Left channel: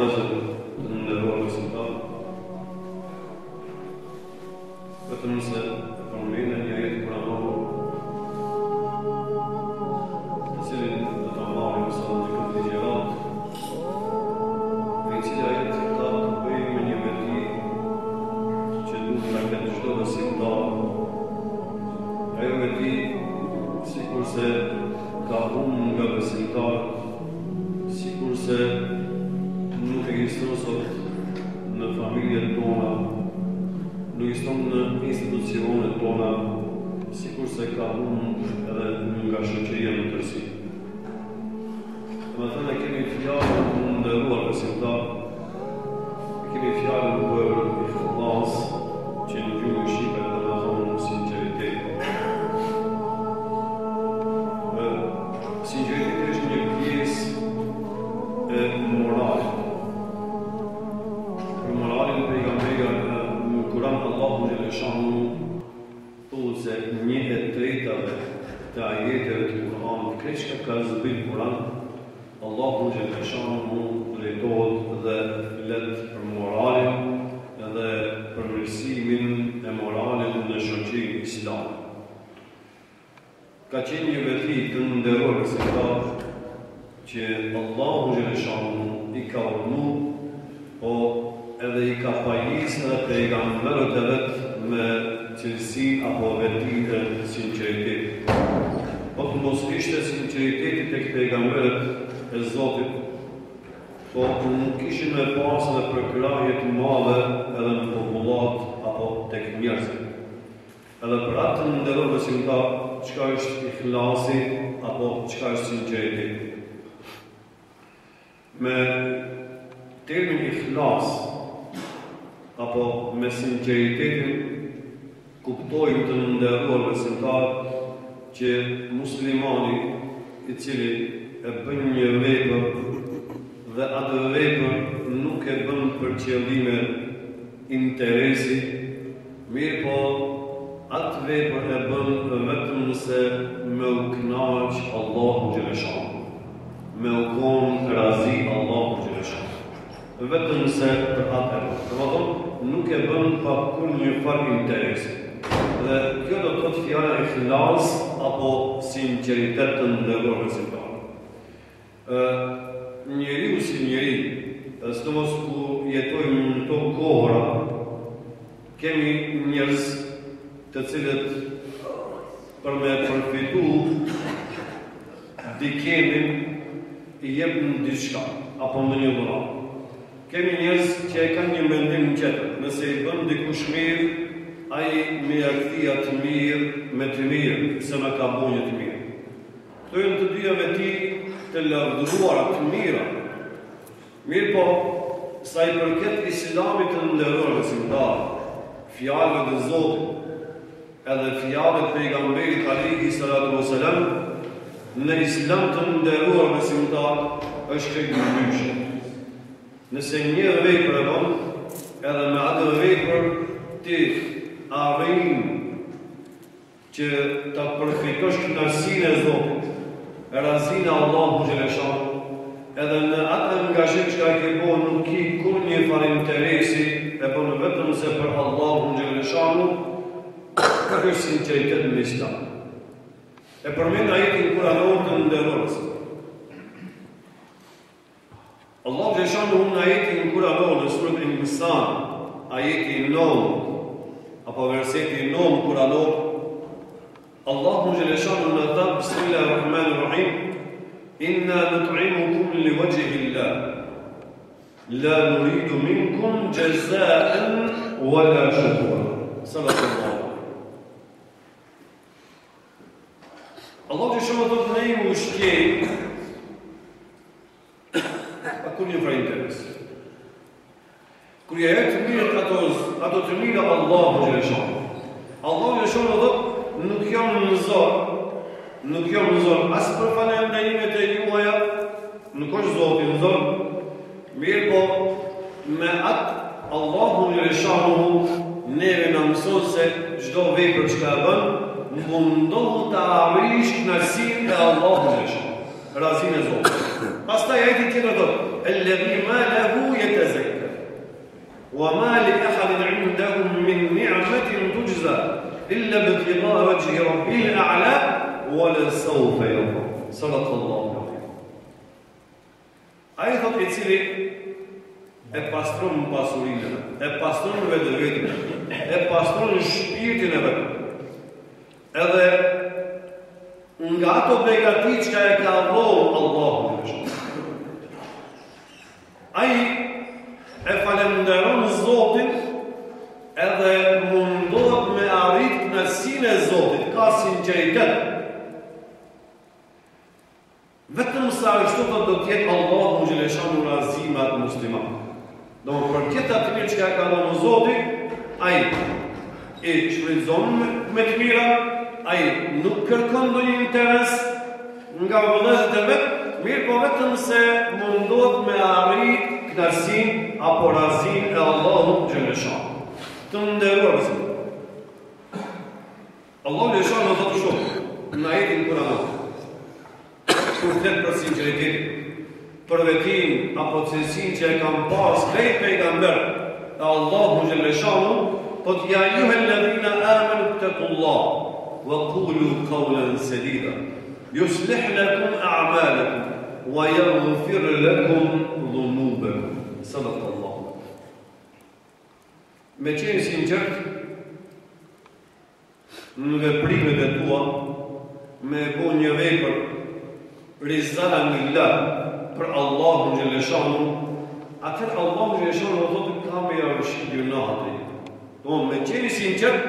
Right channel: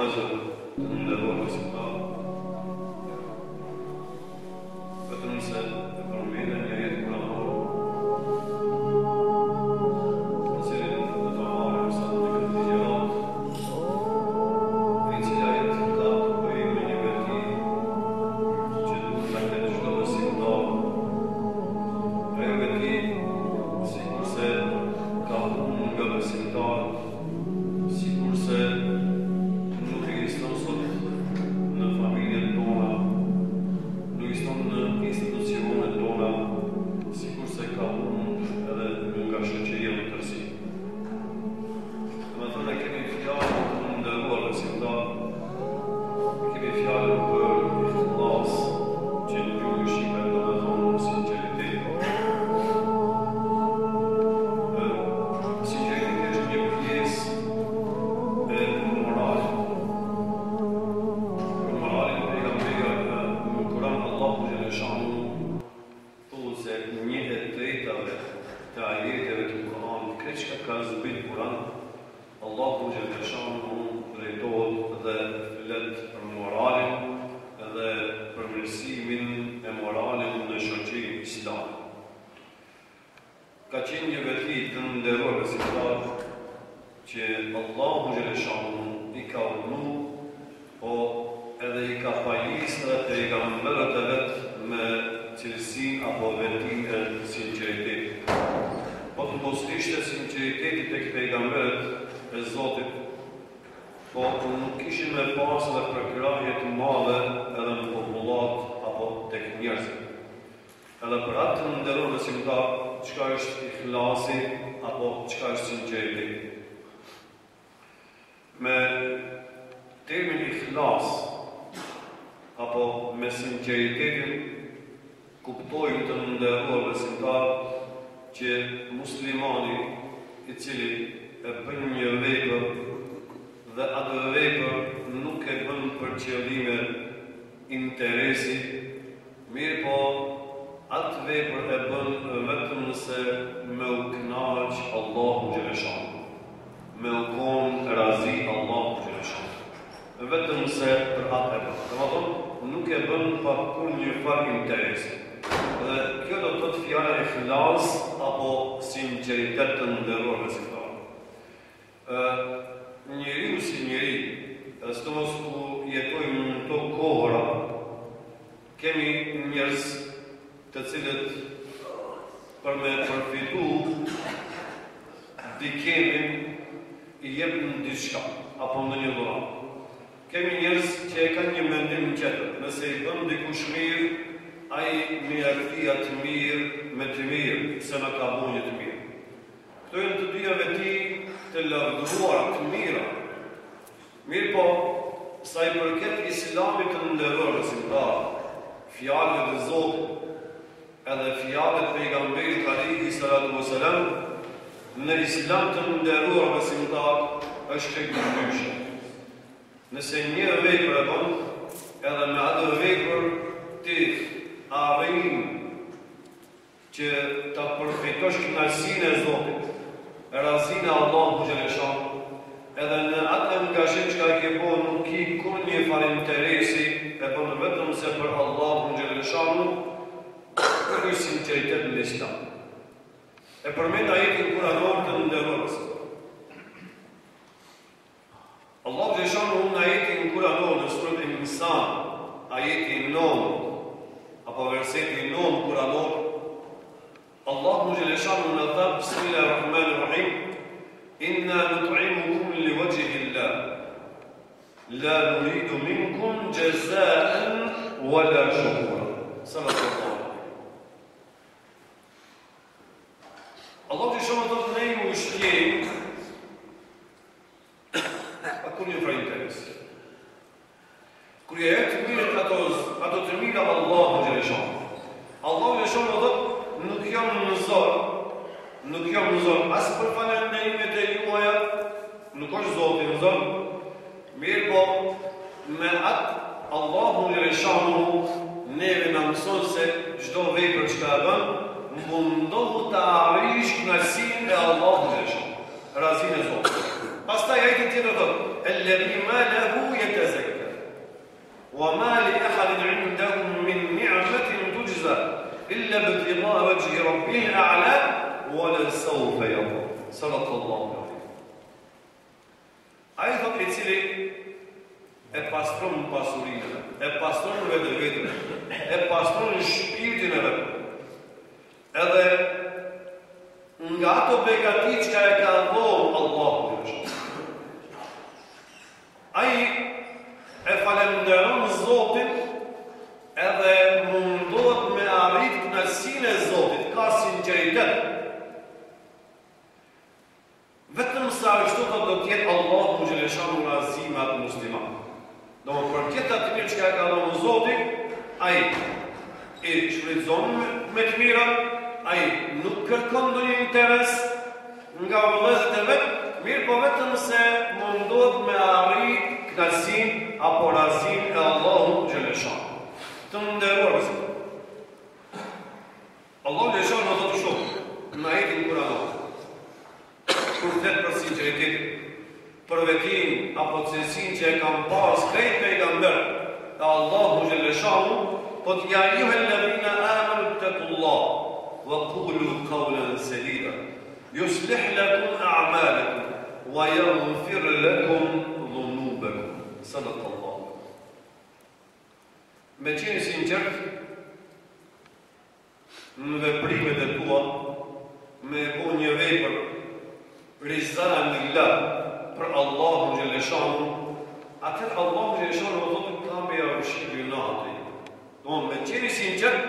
Văzut unde vor rezulta. Vetëm se e përmendë një ajet kuranor, të cilin do ta marrim sot në këtë ligjërat, e cila ajet ka të bëjë me një veti që duhet ta ketë çdo besimtar. Ajo veti, sikurse ka humbur nga besimtarët, sikurse nuk ekziston sot në familjet tona, nuk ekziston në institucionet tona, sikurse ka humbur edhe nga shoqëria në tërësi. Domethënë kemi fjalën të nderuar besimtar, kemi fjalën për ikhlas, që në gjuhën shqipe do të thonë sinqeritet. Sinqeriteti është një pjesë e moralit. Për moralin pejgamberi në Kur'an Allahu xhaleshanu thotë se një e tretave të ajeteve të Kur'anit, krejt çka ka zbrit Kur'an, Allahu xhaleshanu drejtohet dhe flet për moralin dhe për mirësimin e moralit në shoqërinë islame. Ka qenë një veti të nderuar besimtar që Allahu xhaleshanu i ka urdhëruar, po edhe i ka pajisë edhe pejgamberët e vet me cilësinë apo vetinë e sinqeritetit. Po të mos ishte sinqeriteti tek pejgamberët e Zotit, po nuk kishin me pas edhe përkrahje të madhe edhe në popullat apo tek njerëzit. Edhe për atë të nderuar besimtar, çka është ikhlasi apo çka është sinqeriteti? Me termin ikhlas apo me sinqeritetin kuptojmë të nderuar besimtar që muslimani i cili e bën një vepër dhe atë vepër nuk e bën për qëllime interesi, mirë po atë vepër e bën vetëm se me u kënaq Allahu xhaleshanu, me u kon razi Allahu xhaleshanu, vetëm se për atë e bën. Domethënë nuk e bën pa kurrë farë interesi. Dhe kjo do të thotë fjala ikhlas apo sinqeritet të nderuar besimtar. Njeriu si njeri, sidomos ku jetojmë në këto kohëra, kemi njerëz të cilët për me përfitu dikemin i jepën diçka apo ndonjë dhuratë. Kemi njerëz që e kanë një mendim tjetër, nëse i bën dikush mirë, ai më ia kthia të mirë me të mirë, se më ka bënë një të mirë. Këto janë të dyja veti të lavdëruara të mira. Mirë po, sa i përket Islamit të nderuar besimtar, fjalëve të Zotit, edhe fjalët e pejgamberit alayhi salatu wasalam, në Islam të nderuar besimtar është krejt ndryshe. Nëse një vepër e bën, edhe me atë vepër ti arrin që ta përfitosh kënaqësinë e Zotit, razinë e Allahu xhaleshanu, edhe në atë angazhim që ke bën nuk ki kur një farë interesi, e bën vetëm se për Allahu xhaleshanu, kjo është sinqeritet në Islam. E përmend ajetin kuranor të nderuar. Allahu xhaleshanu në ajetin kuranor në surën Insan, ajeti 9 apo verseti 9 kuranor, Allahu xhaleshanu në thot Bismillahirrahmanirrahim, inna nut'imukum liwajhi Allah, la nuridu minkum jazaan wala shukura. Sallallahu. Allahu xhaleshanu thot ne ju ushqejmë pa kur një farë interesi. Kur ja jep të mirët ato të mira Allahu xhaleshanu. Allahu xhaleshanu thot nuk jam në zor, as për falënderimet e juaja, nuk është Zoti në zor, mirë po me atë Allahu xhaleshanu neve na mëson se çdo vepër që ka bën, mundohu të arrish kënaqësinë e Allahu xhaleshanu, razinë e Zotit. Pastaj ajeti tjetër thotë: "El الذي ما له يتزكى وما لأحد عندهم من نعمة تجزى إلا ابتغاء وجه ربه الأعلى ولسوف يرضى. صدق الله العظيم. Ai thot I cili e pastron pasurinë, e pastron vetën, e pastron shpirtin e vet. Edhe nga ato begati që e ka dhënë Allahu. Ai e falenderon Zotin edhe mundohet me arrit kënaqësinë e Zotit, ka sinqeritet. Vetëm sa ashtu do të jetë Allahu xhaleshanu razi me atë musliman. Do për këtë atë mirë që ka dhënë Zoti, ai e shfrytëzon me të mira, ai nuk kërkon ndonjë interes nga vëllezërit e vet, mirë po vetëm se mundohet me arrit kënaqësinë apo razinë e Allahu xhaleshanu. Të nderuar besimtar. Allahu xhaleshanu do të thotë në ajetin Kur'an. Kur flet për sinqeritetin, për vetimin apo cilësinë që e kanë pas krejt pejgamber e Allahu xhaleshanu, po ja ayyuhalladhina amanu ittaqullaha wa qulu qawlan sadida yuslih lakum a'malakum wa yaghfir lakum dhunubakum. Sadaqallahu. Me qenë sinqert në veprimet e tua, me bo një vepër rizan lillah për Allahu xhaleshanu, atëherë Allahu xhaleshanu do thotë ka me javëshi gjunahet. Do me qenë sinqert,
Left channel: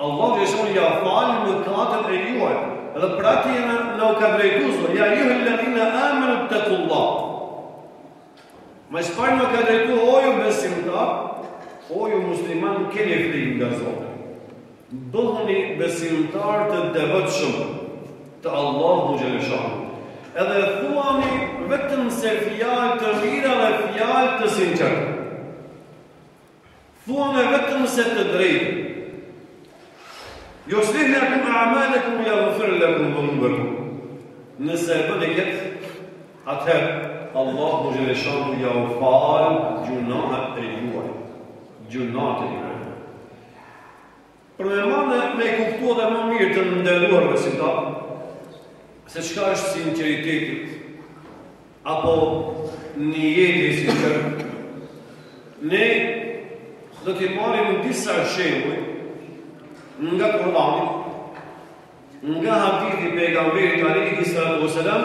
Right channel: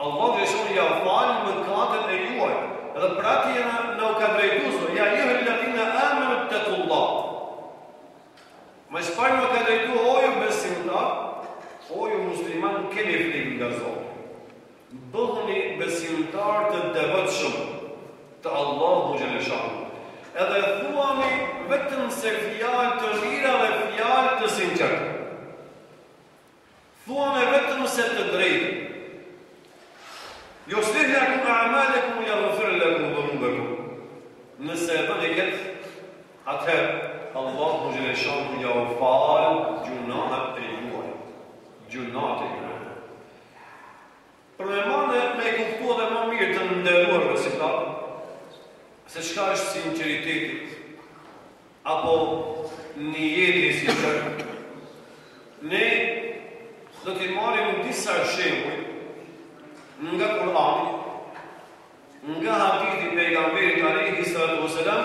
Allahu xhaleshanu ja fal mëkatet e juaja. Edhe për atë na u ka drejtuar, ja ayyuhalladhina amanu ittaqullaha. Mas parë në ka drejtu o ju besimtar, o ju musliman keni frikë nga Zoti. Bëhuni besimtar të devotshëm të Allahu xhaleshanu. Edhe thuani vetëm se fjalë të mira dhe fjalë të sinqerta. Thuani vetëm se të drejtë. Yuslih lakum a'malakum wa yaghfir lakum dhunubakum. Nëse e bëni këtë, atëherë Allahu xhaleshanu ja u fal gjunahet e juaja. Gjunahet e juaja. Për me kuptuar dhe më mirë të nderuar besimtar, se çka është sinqeriteti apo niyeti i sinqert, ne do të marrim disa shembuj nga Kur'ani, nga hadithi i pejgamberit alayhi salatu wasalam,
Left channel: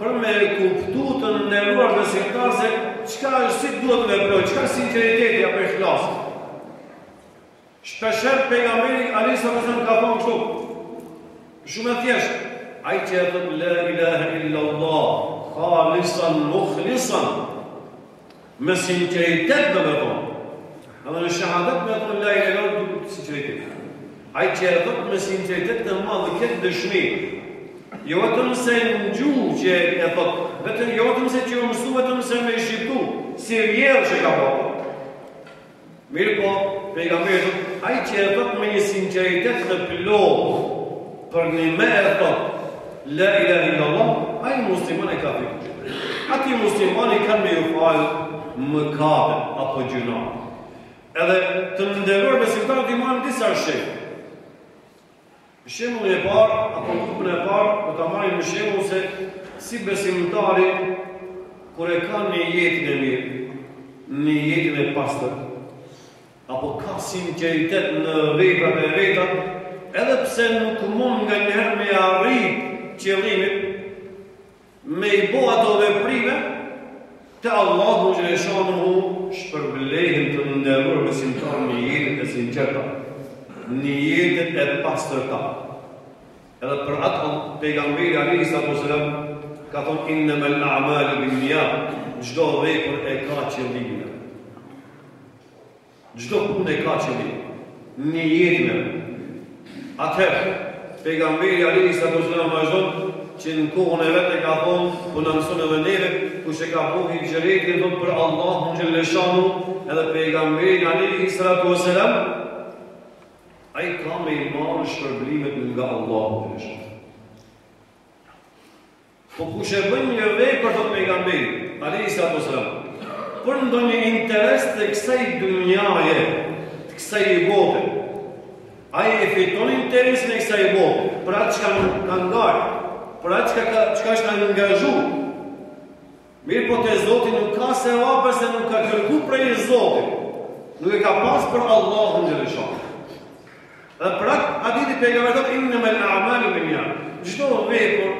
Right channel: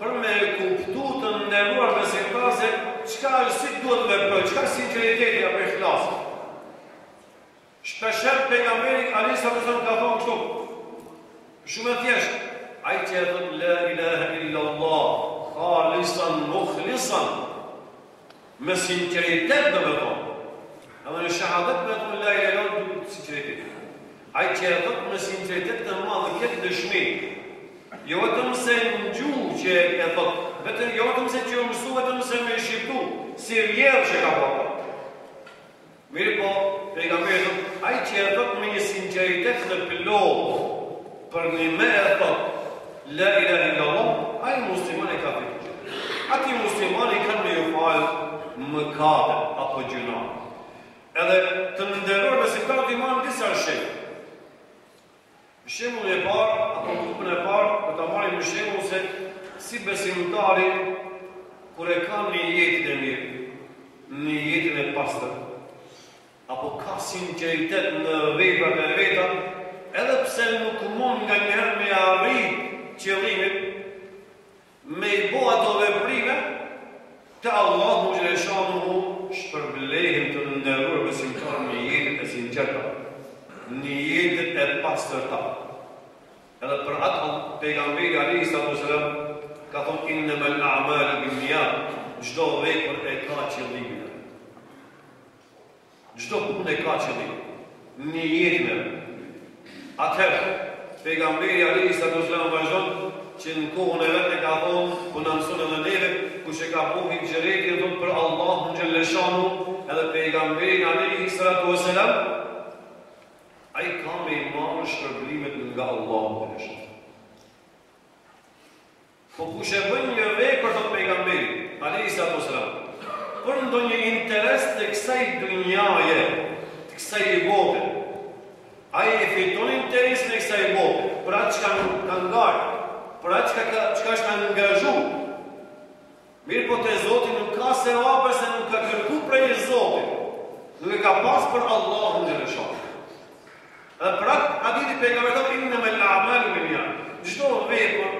për me kuptuar të nderuar besimtar se çka është, si duhet të veprojë, çka është sinqeriteti apo ikhlasi. Shpeshherë pejgamberi alayhi salatu wasalam ka thonë kështu, shumë thjesht, ai që e thot la ilaha illa Allah khalisan mukhlisan, me sinqeritet do me thonë. Edhe në shahadet me thonë la ilaha illa Allah duhet sinqeritet. Ai që e thot me sinqeritet të madh këtë dëshmi. Jo vetëm se në gjuhë që e thot, vetëm jo vetëm se që mësu, vetëm se me shqiptu, si vjerë që ka bërë. Mirë po, pejgamberi thot, ai që e thot me një sinqeritet të plot, për një me e thot la ilaha illa Allah, ai muslimani ka fikë. Ati muslimani kanë me ju falë mëkatet apo gjuna. Edhe të nderuar besimtarët i marrin disa shembuj. Shembull e parë apo grupin e parë do ta marrim në shembull se si besimtari kur e ka një jetin e mirë, një jetin e pastër, apo ka sinqeritet në veprat e veta, edhe pse nuk mund nga njëherë me arrit qëllimit, me i bo ato veprime, të Allahu xhaleshanu shpërblehen të nderuar besimtar në jetën e sinqerta, në jetën e pastërta. Edhe për atë pejgamberi alayhi salatu wasalam ka thonë innamal a'malu binniyat, çdo vepër e ka qëllimin. Çdo punë e ka qëllim. Në jetën e atëherë pejgamberi alayhi salatu wasalam vazhdon që në kohën e vetë ka thonë, po na mëson edhe neve, kush e ka bëu hijretin thonë për Allahun xhaleshanu, edhe pejgamberi alayhi salatu wasalam ai ka me i marrë shpërblimet nga Allahu xhaleshanu. Po kush e bën një vepër të pejgamberit alayhi salatu wasalam, për ndonjë interes të kësaj dunjaje, të kësaj bote. Ai e fiton interesin e kësaj bote, për atë çka ka ngarë, për atë çka është angazhu. Mirë po te Zoti nuk ka sevap se nuk ka kërku prej Zotit. Nuk e ka pas për Allahun xhaleshan. Dhe për atë hadithi pejgamberi thotë innamal a'malu binniyat. Çdo vepër,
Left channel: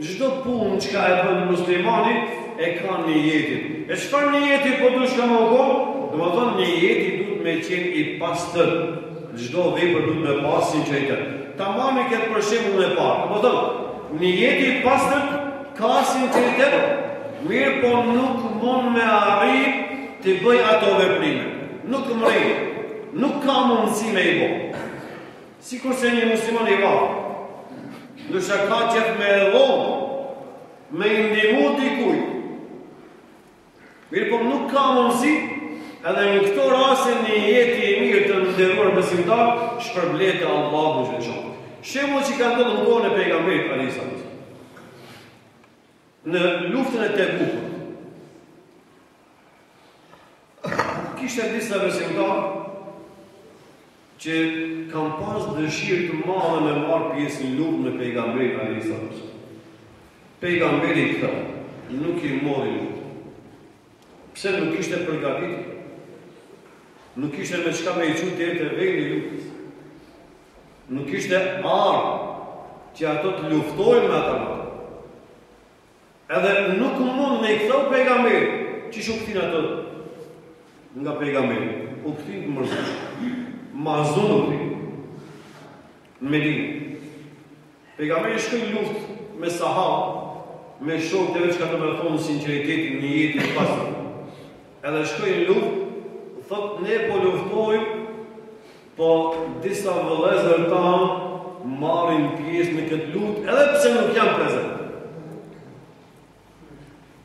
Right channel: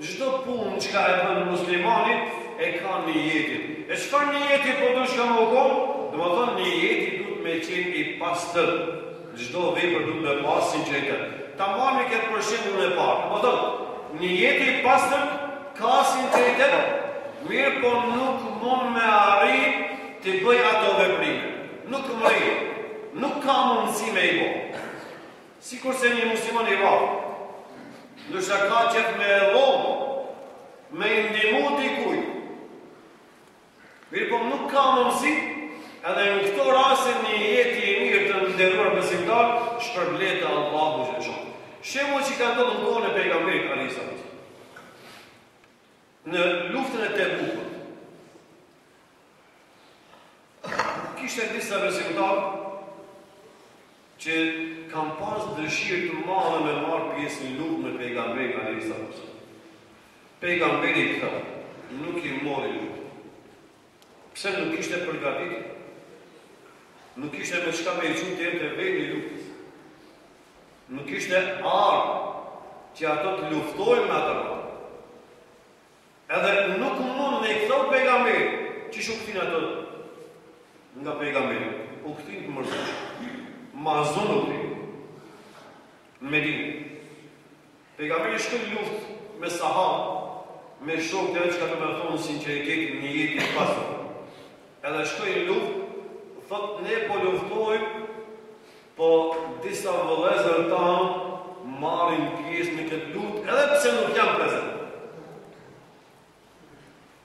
çdo punë që e bën muslimani e ka niyetin. E çfarë niyeti po duhet ka më kon? Domethënë niyeti duhet me qenë i pastër. Çdo vepër duhet me pas sinqeritet. Ta marrni këtë për shembull e parë. Domethënë niyeti i pastër ka sinqeritet. Mirë po nuk mund me arrit të bëj ato veprime. Nuk mërë, nuk ka mundësi me i bo. Sikur se një musliman i varë, nështë ka qef me edhonë, me indimu dikuj. Mirë po nuk ka mundësi, edhe në këto rase një jeti i mirë të nderuar besimtar, shpërblet e Allahu xhaleshan. Shembull që ka ndodhur në kohën e pejgamberit alayhis salam. Në luftën e Tebukut. Kishte disa besimtarë që kanë pas dëshirë të madhe me marrë pjesë në luftë me pejgamberin alayhis salam. Pejgamberi këta nuk i mori luftë. Pse nuk ishte përgatitur? Nuk ishte me çka me i çu deri te vendi i luftës. Nuk ishte armë që ato të luftojnë me ata. Edhe nuk mund me i këthau pejgamberi, që shu këtin ato nga pejgamberi, u këtin të mërzësh, mazun u këtin, në Medinë. Pejgamberi shkoj luft me sahabë, me shok të që ka të me thonë sinceritetin një jetin pasër. Edhe shkoj luft, thot ne po luftojmë, po disa vëllezër tanë marrin pjesë në këtë luft, edhe pse nuk janë prezent.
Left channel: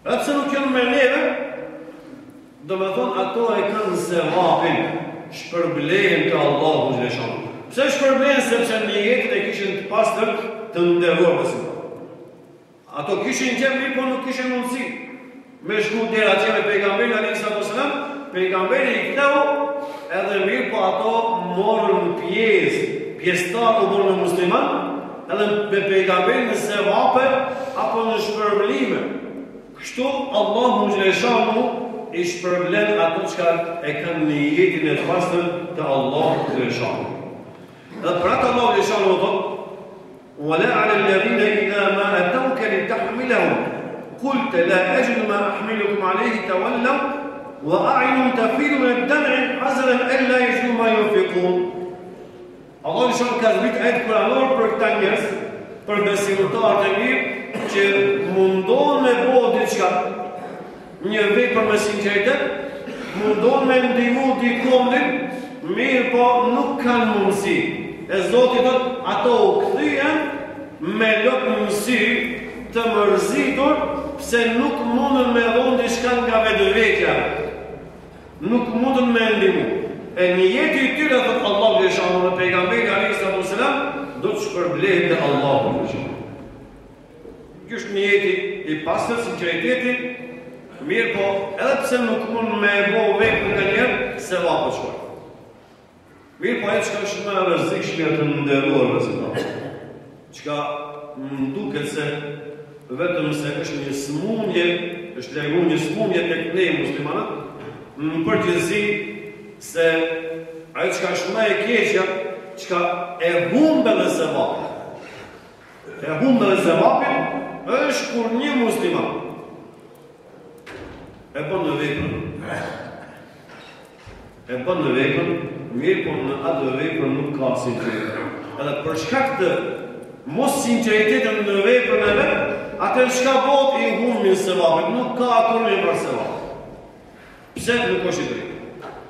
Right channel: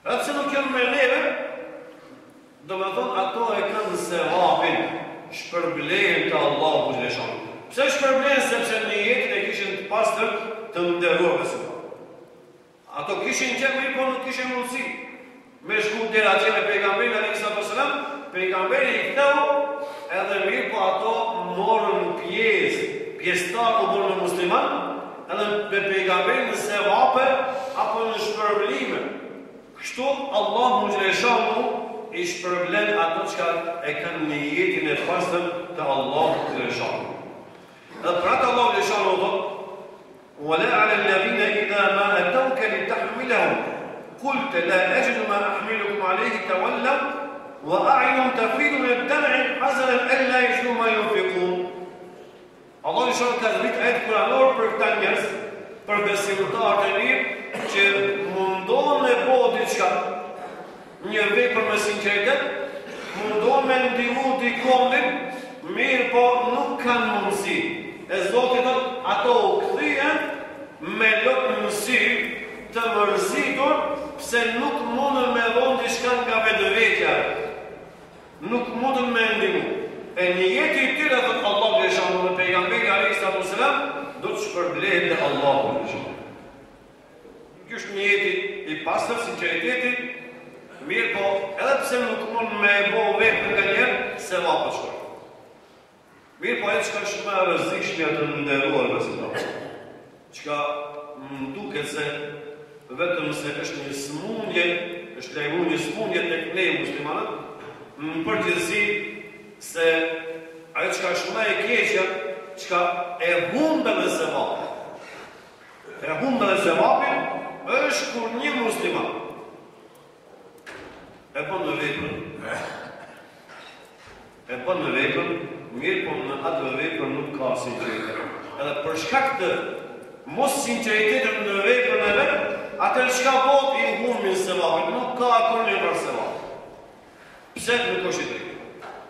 Edhe pse nuk janë me neve, do me thonë ato e kanë sevapin, shpërblejnë të Allahu xhaleshan. Pse shpërblejnë? Sepse në jetën e kishin të pastër të nderuar besimtar. Ato kishin qenë mirë, po nuk kishin mundësi me shku deri atje me pejgamberin alayhis salam. Pejgamberi i ktheu edhe mirë, po ato morën pjesëtar u bërë me musliman, edhe me pejgamberin në sevape apo në shpërblime. Kështu Allahu xhaleshanu i shpërblen ato që e kanë në jetin e pastër të Allahu xhaleshanu. Dhe për atë Allahu xhaleshanu thotë: "Wala 'ala alladhina idha ma atawka litahmilahum qult la ajidu ma ahmilukum 'alayhi tawallaw wa a'yunum tafidu min ad-dam'i hazanan alla yajidu ma yunfiqun." Allahu xhaleshanu ka zbrit ayat kuranor për këta njerëz, për besimtarët e mirë që mundon me bo diçka, një vepër me sinqeritet, mundon me ndihmu dikondin, mirë po nuk kanë mundësi. E Zoti thot, ato u kthyen me lopësi të mërzitur, pse nuk mundën me dhon diçka nga vetëvetja. Nuk mundën me ndihmu. E një jetë i tyre, thot Allahu xhaleshanu dhe pejgamberi alayhis salam, do të shpërblehet te Allahu xhaleshanu. Kjo është një jeti i pastër, sinqeriteti, mirë po, edhe pse nuk mund me bo vepër nga njerë, se vapë shkoj. Mirë po, e qka është me rëzikshmja të nderuar besimtar. Qka më duket se vetëm se është një smundje, është lejmu një smundje të ne muslimanët, në përgjithësi se ajo qka është me e keqja, qka e humbe dhe se vapë. E humbe dhe se vapë, është kur një musliman e bën në veprën, mirë po në atë veprën nuk ka sinqeritet. Edhe për shkak të mos sinqeritetit në veprën e vet, atë çka bëhet i humbi sevapin, nuk ka kurrë për sevap. Pse nuk është i drejtë?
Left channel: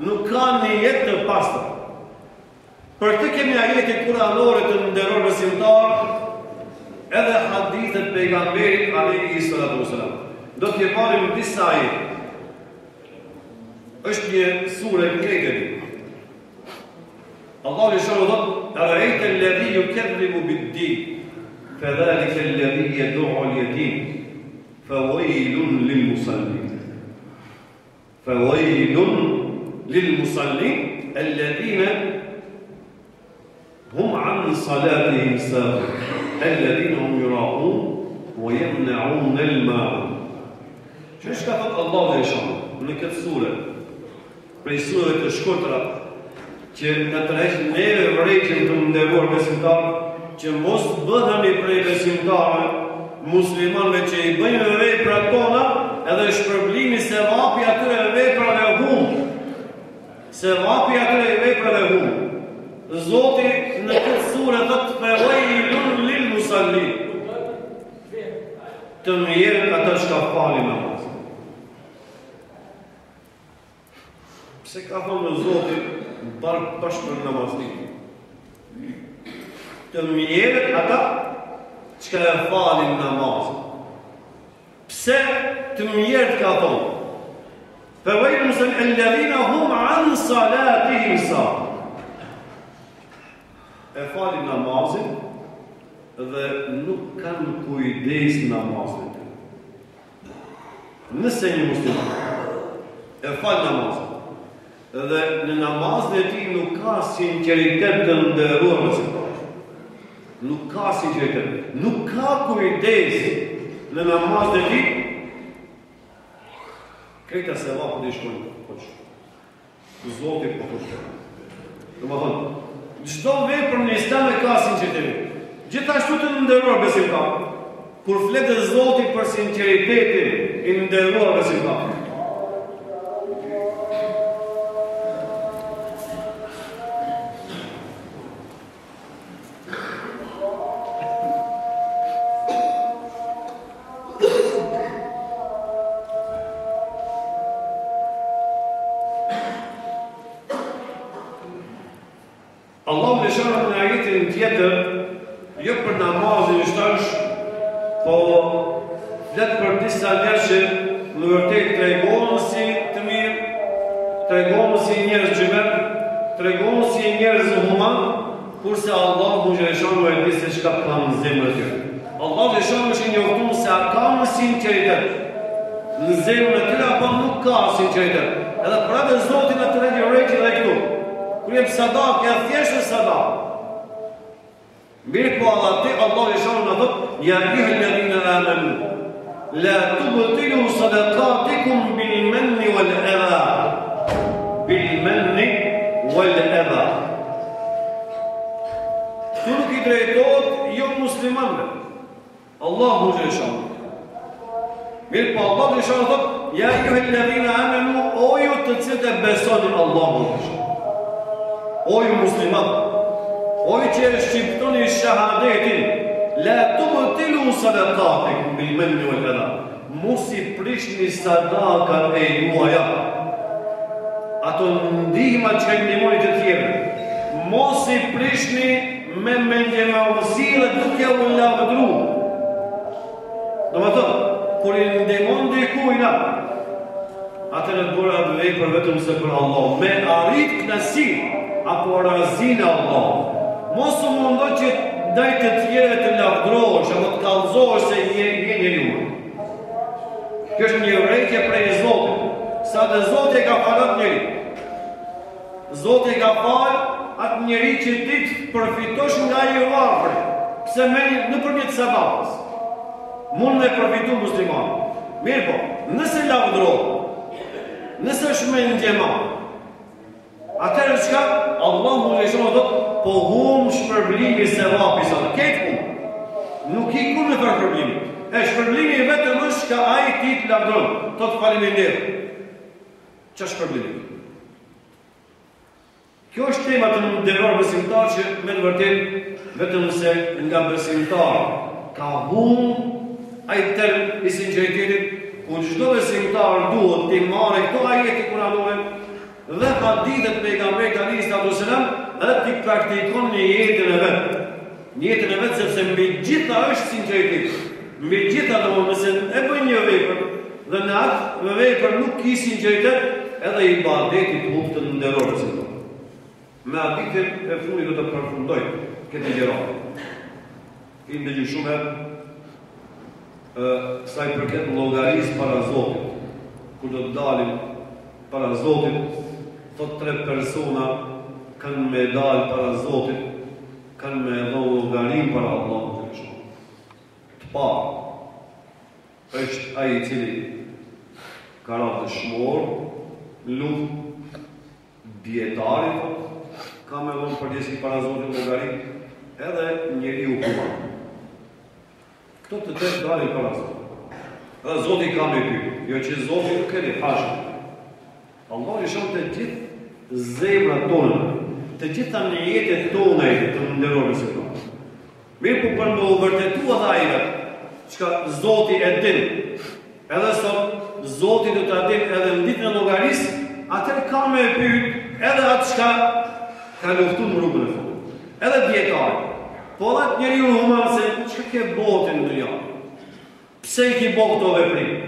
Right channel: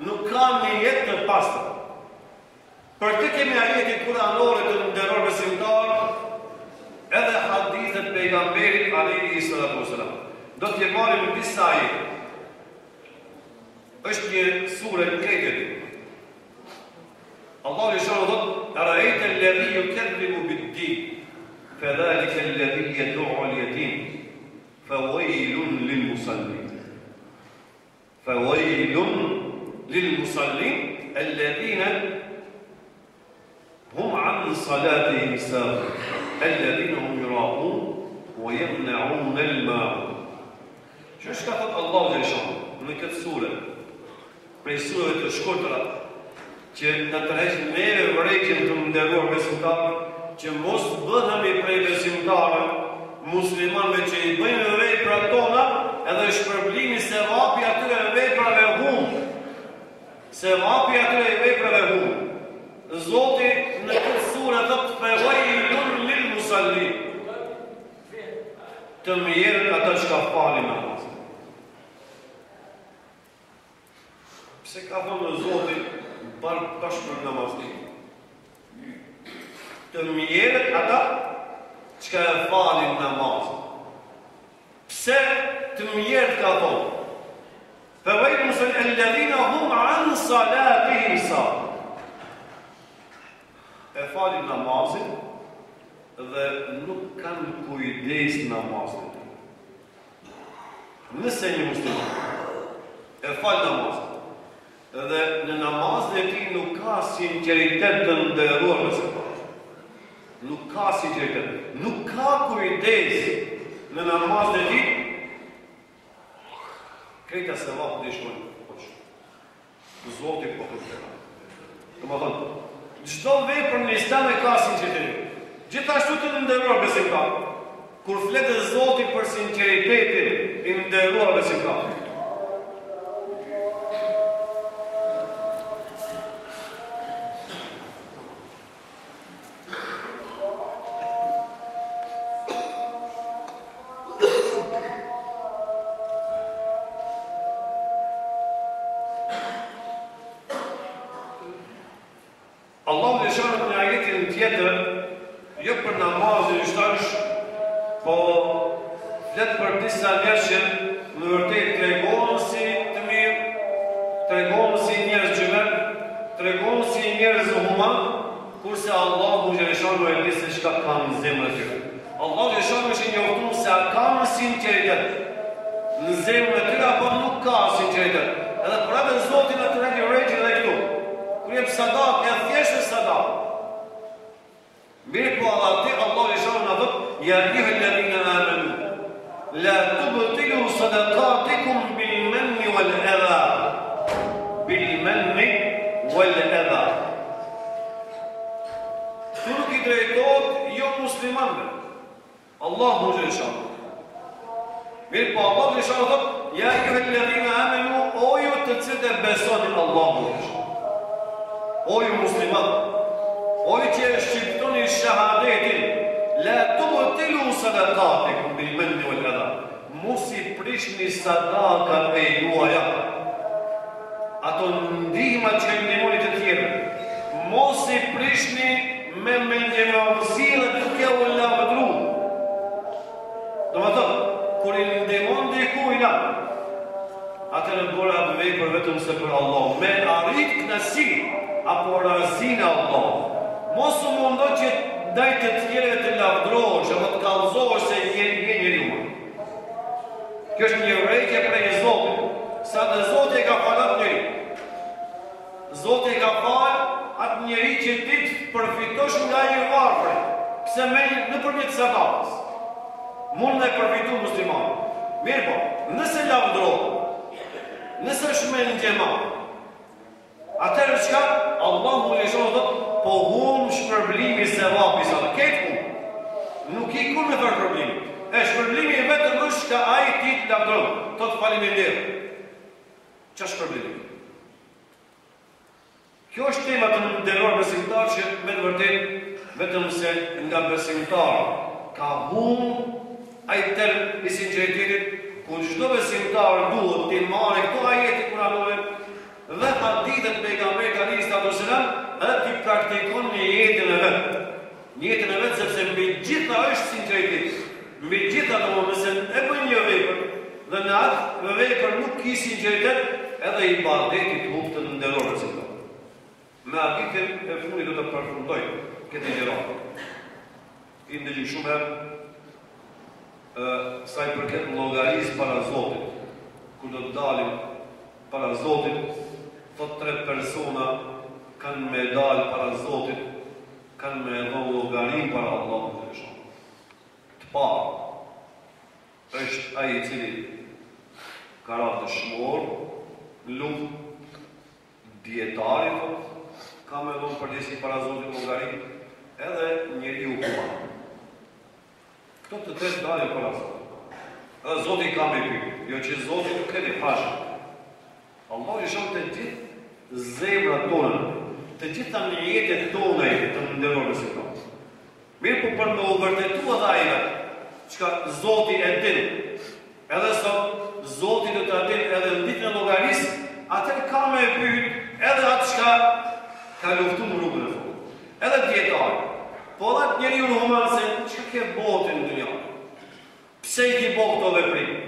Nuk ka një jetë të pastër. Për këtë kemi ajetin kuranore të nderuar besimtar, edhe hadithet pejgamberit alayhi salatu wasalam. Do t'je marrim disa ajete. Është një sure krejtë. Allahu xhallahu thot: "Ara'ayta alladhi yukadhibu bid-din, fadhalika alladhi yad'u al-yatim, fawaylun lil-musallin." فَوَيْلٌ لِلْمُصَلِّينَ الَّذِينَ هُمْ عَنْ صَلَاتِهِمْ سَاهُونَ الَّذِينَ هُمْ يُرَاءُونَ وَيَمْنَعُونَ الْمَاعُونَ. Që ka thot Allahu dhe Shanë në këtë sure, prej sureve të shkurtra, që në tërheq neve vërejtjen të nderuar besimtar, që mos bëhemi prej besimtarë, muslimanëve që i bëjmë vepra tona, edhe shpërblimi se vapi atyre veprave humbë. Se vapi atyre veprave humbë. Zoti në këtë sure thot fewailun lil musallin. Të mjerët ata që ka falin namaz. Pse ka thonë në Zoti bashkë për namaznik? Të mjerët ata që ka falin namaz. Pse të mjerët ka thonë? Fewailun musallin alladhina hum an salatihim sahun. E falin namazin dhe nuk kanë kujdes namazin. Nëse një musliman e fal namazin dhe në namazin e tij nuk ka sinqeritet të nderuar besimtar. Nuk ka sinqeritet, nuk ka kujdes në namazin e tij. Këta se vapu dhe shkojnë poç. Zoti po thotë. Domethënë, çdo vepër në Islam e ka sinqeritet. Gjithashtu të nderuar besimtar, kur fletë Zoti për sinqeritetin e nderuar besimtar. Allahu dhe shërët në ajetin tjetër, jo për namazin i shtash, po flet për disa njerëz që në vërtet tregon si të mirë, tregon si njerëz xhemer, tregon si njerëz human, kurse Allahu xhaleshanu e di se çka kanë në zemrën e tyre. Allahu xhaleshanu është i njoftuar se kanë sinqeritet në zemrën e tyre apo nuk ka sinqeritet. Edhe për atë Zoti na tregon rregull edhe këtu. Kur jep sadak, e thjeshtë sadak. Mirë po Allah e shonë në dhëtë, ja juhe lëdhina amanu, la tubtilu sadaqatikum bil manni wal adha. Bil manni wal adha. Tu nuk i drejtojt jo muslimanve. Allahu e shonë. Mirë po Allah e shonë në dhëtë, ja juhe lëdhina amanu, o ju të cilët e besonin Allahu e shonë. O ju musliman, o ju që e shqiptoni shahadetin, la tubtilu sadaqatikum bil manni wal adha. Mos i prishni sadakat e juaja, ato ndihma që i ndihmoni të tjerë. Mos i prishni me mendjemadhësi dhe duke u lavdëru. Domethënë, kur i ndihmon dikujt, atëherë bëra atë vepër vetëm se për Allah, me arrit kënaqësi apo razina Allah. Mos u mundo që ndaj të tjerëve të lavdrohesh apo të kallëzohesh se je njeriu. Kjo është një urrejtje prej Zotit. Sa dhe Zoti e ka falë atë njeri. Zoti e ka falë atë njeri që ti të përfitosh nga i varfër. Pse nëpërmjet sadakës. Mund me përfitu musliman. Mirë po, nëse lavdrohet, nëse është me ndjema, atëherë çka? Allahu e shonë thotë, po shpërblimi se vapi sa këtë hum. Nuk i ku me për problemi. E shpërblimi vetëm është ka ai ti të lavdron, thotë faleminderit. Ç'është shpërblimi? Kjo është tema të nderuar besimtar që me të vërtetë vetëm se nga besimtar ka ai term i sinqeritetit ku çdo besimtar duhet të marrë këto ajete kuranore dhe hadithet pejgamberit alayhis salam dhe ti praktikon në jetën e vet. Në jetën e vet sepse mbi gjitha është sinqeritet. Mbi gjitha domosë e bën një vepër dhe në atë vepër nuk ki sinqeritet, edhe ibadeti të të nderuar besimtar. Me hadithin e fundit do të përfundoj këtë gjëra. Ti ndëgjoj shumë sa i përket llogarisë para Zotit, kur do të dalim para Zotit, thot 3 persona kanë me dalë para Zotit, kanë me dhënë llogarin para Allahut të Madhëshëm. Të parë është ai i cili ka rënë dëshmor në luftë, dietari thot, ka me dhënë përgjithësi para Zotit llogarin, edhe njeriu human. Këto të tretë dalin para Zotit. Edhe Zoti ka me pyetje, jo që Zoti nuk keni hashë. Allah i shonë të gjithë zemrat tona, të gjitha nijetet tona të nderoj besimtar. Mirë po për me u vërtetu edhe ajve, çka Zoti e din, edhe sot Zoti do ta din edhe në ditën e llogarisë, atë ka me pyet edhe atë çka ka luftuar në rrugën e fundit. Edhe dietari. Po edhe njeriu human se çka ke botën në dunjë. Pse i ki bërë këto veprime?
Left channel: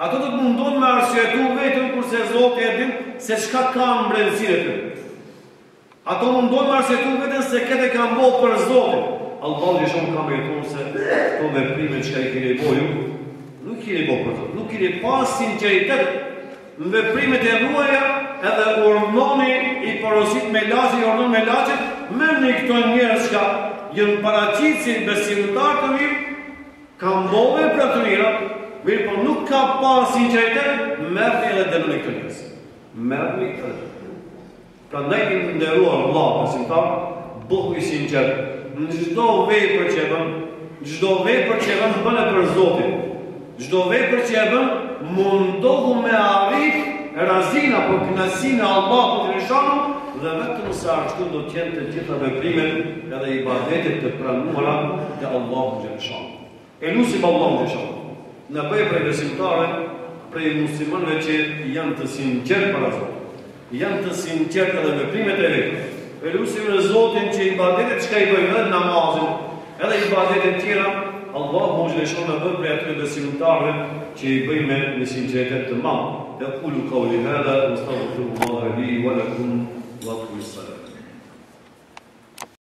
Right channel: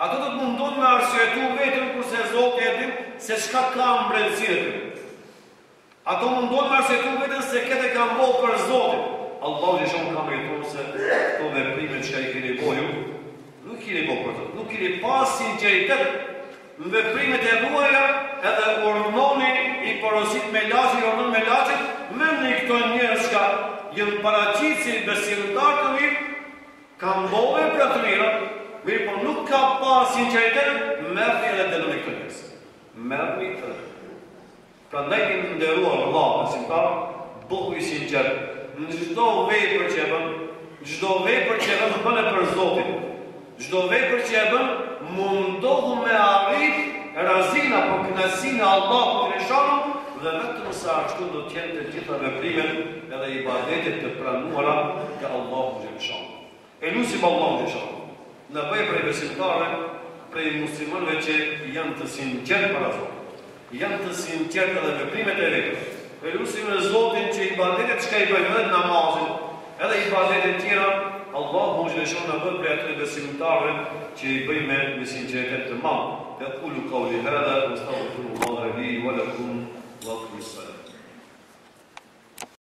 Ato do të mundon me arsyetu vetëm kurse Zoti e din se çka ka në brendësinë e tyre. Ato mundon me arsyetu vetëm se këtë kanë bërë për Zotin. Allahu i shonë ka me thonë se këto veprime që i keni bërë, nuk keni bërë për Zotin. Nuk keni pas sinqeritet në veprimet e huaja, edhe urdhoni i porosit me laçi, urdhon me laçet, merrni këto njerëz që janë paraqitur si besimtar të mirë, kanë bërë vepra të mira. Mirë po nuk ka pas sinqeritet, merrni edhe dënoni këto njerëz. Merrni edhe. Prandaj i nderuar Allah besimtar, bëhu i sinqert. Në çdo vepër që e bën, çdo vepër që e bën bëne për Zotin. Çdo vepër që e bën, mundohu me arrit razina për kënaqësinë e Allahut të Madhëshëm, dhe vetëm sa ashtu do të jenë të gjitha veprimet edhe ibadetet të pranuara te Allahu të Madhëshëm. E lutim Allahun të Madhëshëm në bëjë prej besimtarëve, prej muslimanëve që janë të sinqertë para Zotit, janë të sinqertë edhe veprimet e vetë. E lutim në Zotin që ibadetet çka i bëjmë edhe namazin, edhe ibadetet tjera, Allahu Madhëshëm na bëj prej atyre besimtarëve që i bëjmë me sinqeritet të madh. Aqulu qawli hadha wa astaghfirullaha li wa lakum wa aqimus salat.